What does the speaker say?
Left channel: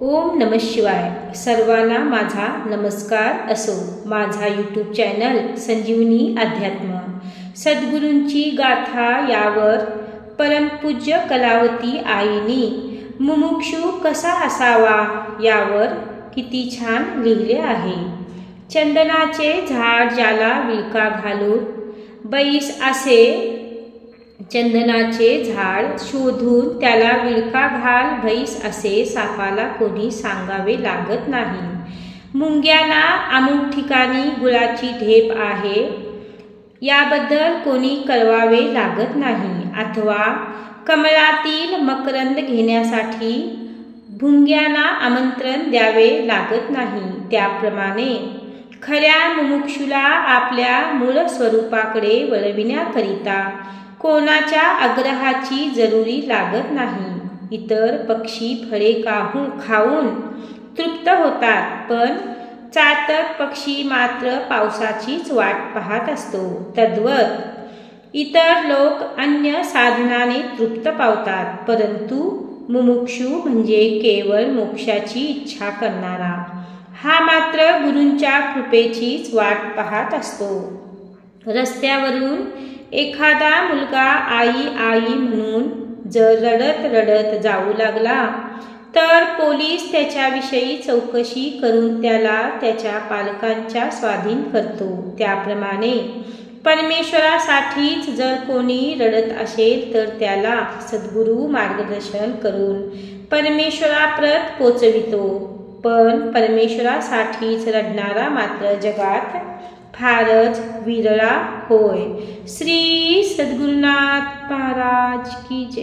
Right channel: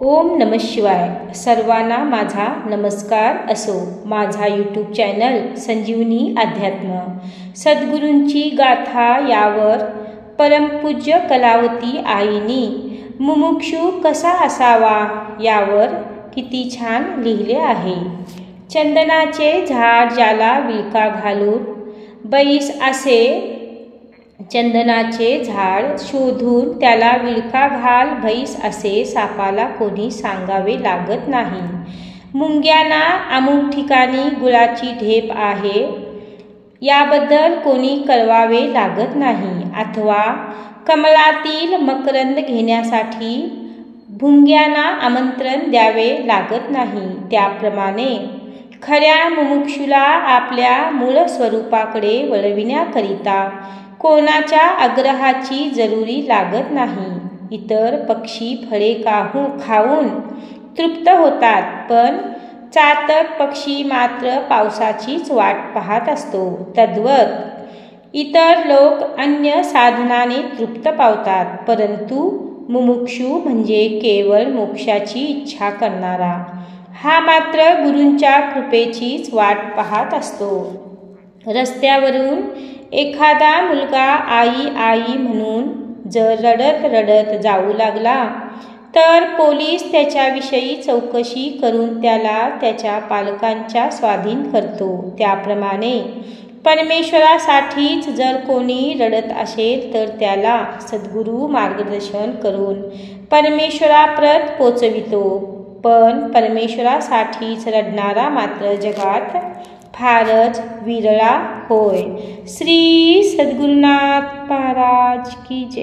ओम नमः शिवाय। सर्वांना माझा नमस्कार असो। माझा यूट्यूब चॅनल संजीवनी अध्यात्म सद्गुरूंची गाथा यावर परमपूज्य कलावती आईनी मुमुक्षू कसा असावा यावर किती छान लिहिले आहे। चंदनाचे झाड ज्याला विळखा घालून बैस असे, चंदनाचे झाड शोधून त्याला विळखा घाल बैस असे सापाला कोणी सांगावे लागत नाही। मुंग्यांना अमुक ठिकाणी गुळाची ढेप आहे याबद्दल कोणी कळवावे लागत नाही, अथवा कमळातील मकरंद घेण्यासाठी भुंग्यांना आमंत्रण द्यावे लागत नाही। त्याप्रमाणे खऱ्या मुमुक्षूला आपल्या मूळ स्वरूपाकडे वळविण्याकरिता कोणाच्या आग्रहाची जरुरी लागत नाही। इतर पक्षी फळे खाऊन तृप्त होतात, पण चातक पक्षी मात्र पावसाचीच वाट पाहत असतो। तद्वत इतर लोक अन्य साधनाने तृप्त पावतात, परंतु मुमुक्षू म्हणजे केवळ मोक्षाची इच्छा करणारा हा मात्र गुरूंच्या कृपेचीच वाट पाहत असतो। रस्त्यावरून एखादा मुलगा आई आई म्हणून जर रडत रडत जाऊ लागला तर पोलीस त्याच्याविषयी चौकशी करून त्याला त्याच्या पालकांच्या स्वाधीन करतो। त्याप्रमाणे परमेश्वरासाठीच जर कोणी रडत असेल तर त्याला सद्गुरू मार्गदर्शन करून परमेश्वराप्रत पोचवितो। पण परमेश्वरासाठीच रडणारा मात्र जगात फारच विरळा होय। श्री सद्गुरुनाथ महाराज की जय।